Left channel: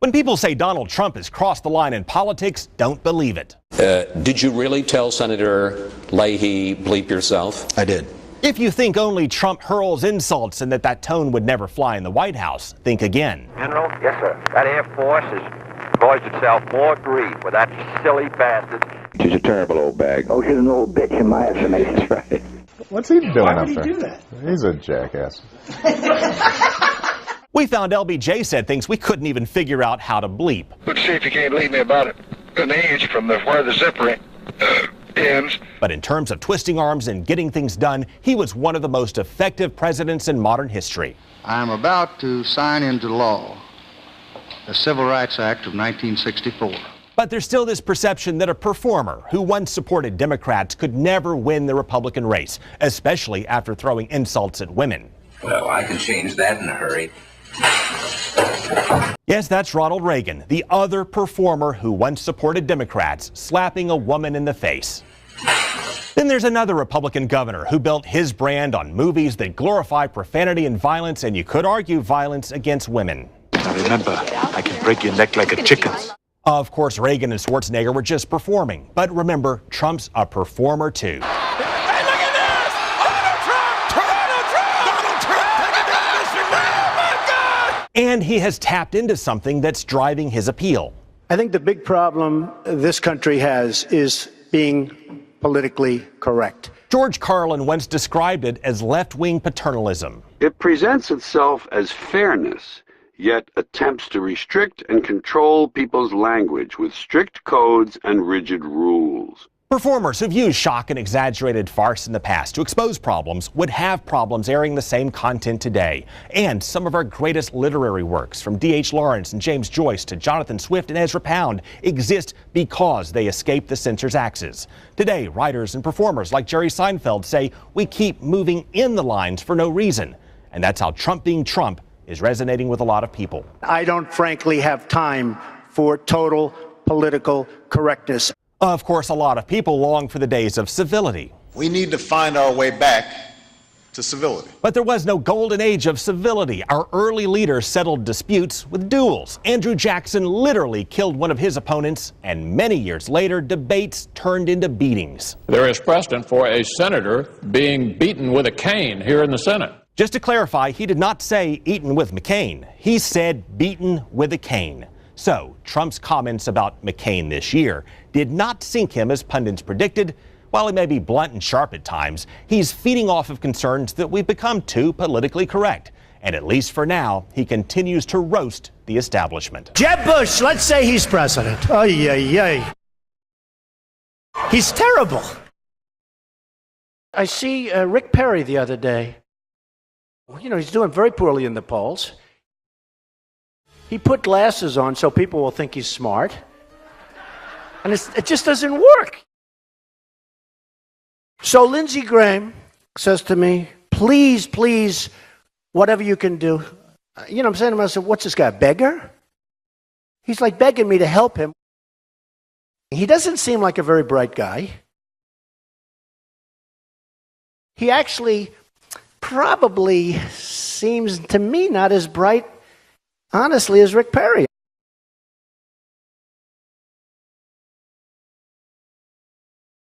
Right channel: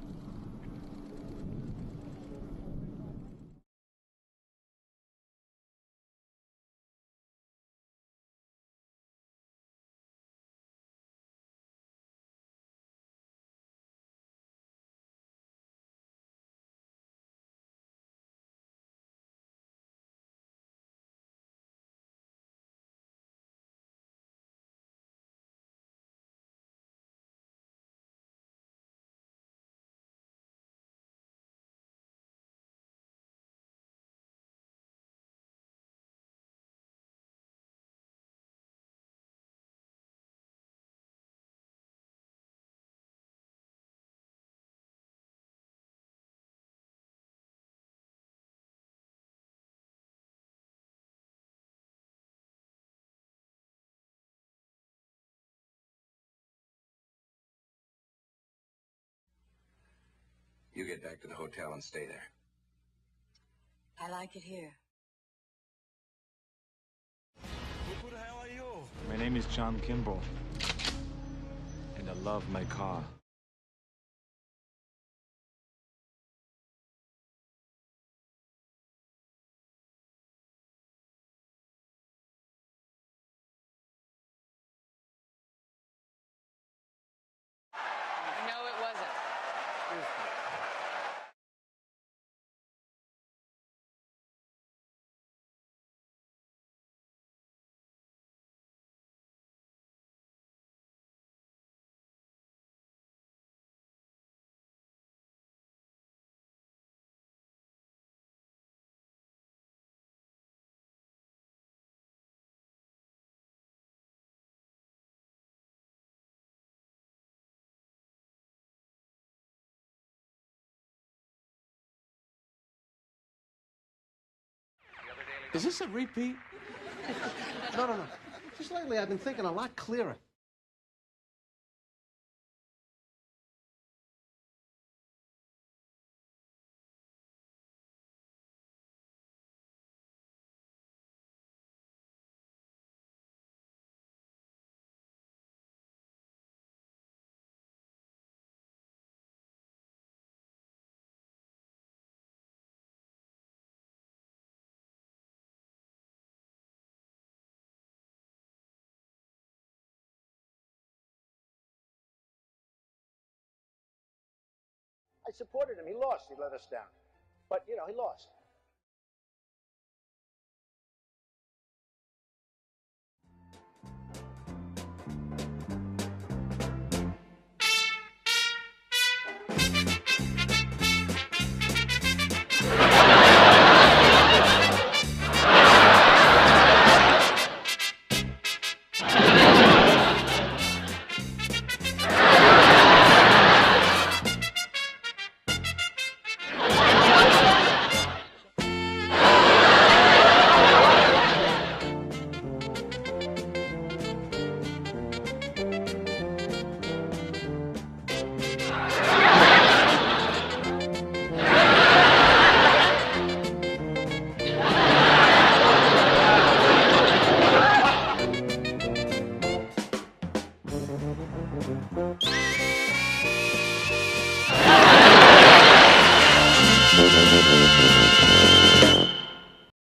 When people say Donald Trump has crossed the line in politics, don't believe it. Did you really tell Senator Leahy, bleep yourself? I did. If you think only Trump hurls insults and that tone would never fly in the White House, think again. General? Yes, sir. That Air Force has caused itself more grief with that silly bastard. She's a terrible old bag. Oh, she's an old bitch in my estimation. That's right. What's he doing Why up would there? he do that? He's a jackass. We found LBJ said things we couldn't even figure out how to bleep. Let's see if you can't leave me about an inch from where the zipper ends. But in terms of twisting arms and getting things done, he was one of the most effective presidents in modern history. I am about to sign into law the Civil Rights Act of 1964. But there's still this perception that a performer who once supported Democrats could never win the Republican race, especially after throwing insults at women. Well, I can change that in a hurry. Yes, that's Ronald Reagan, the other performer who once supported Democrats, slapping a woman in the face. Then there's another Republican governor who built his brand on movies that glorify profanity and violence, and you could argue violence against women. Now remember, I can break your neck like a chicken. Of course, Reagan and Schwarzenegger were just performing. But remember, Trump's a performer too. And he has tapped into something that's driving his appeal. I think the big problem this country has is being politically correct. George Carlin once described it as left-wing paternalism. It presents itself as fairness, yet attempts to restrict and control people's language with strict codes and rigid rules. Performers who've used shock and exaggerated farce in the past to expose problems would have problems airing the same content today. And some of our greatest literary works, from D.H. Lawrence and James Joyce to Jonathan Swift and Ezra Pound, exist because they escaped the censor's axes. Today, writers and performers like Jerry Seinfeld say we keep moving in the lines for no reason. And that's how Trump being Trump is resonating with a lot of people. I don't frankly have time for total political correctness. Of course, a lot of people long for the days of civility. We need to find our way back to civility. But there was no golden age of civility. Our early leaders settled disputes with duels. Andrew Jackson literally killed one of his opponents, and many years later, debates turned into beatings. There is precedent for a senator being beaten with a cane here in the Senate. Just to clarify, he did not say eaten with McCain. He said beaten with a cane. So, Trump's comments about McCain this year did not sink him as pundits predicted. While he may be blunt and sharp at times, he's feeding off of concerns that we've become too politically correct. And at least for now, he continues to roast the establishment. Jeb Bush, let's say he's president. Ay, ay, ay. He's terrible. I see Rick Perry the other day. You know, he's doing very poorly in the polls. He put glasses on so people will think he's smart. And it just doesn't work. So Lindsey Graham says to me, please, please, whatever you can do. You know what I'm saying to myself, what's this guy, a beggar? He's like begging me to help him. He doesn't seem like a very bright guy. He actually probably seems to me not as bright, honestly, as Rick Perry.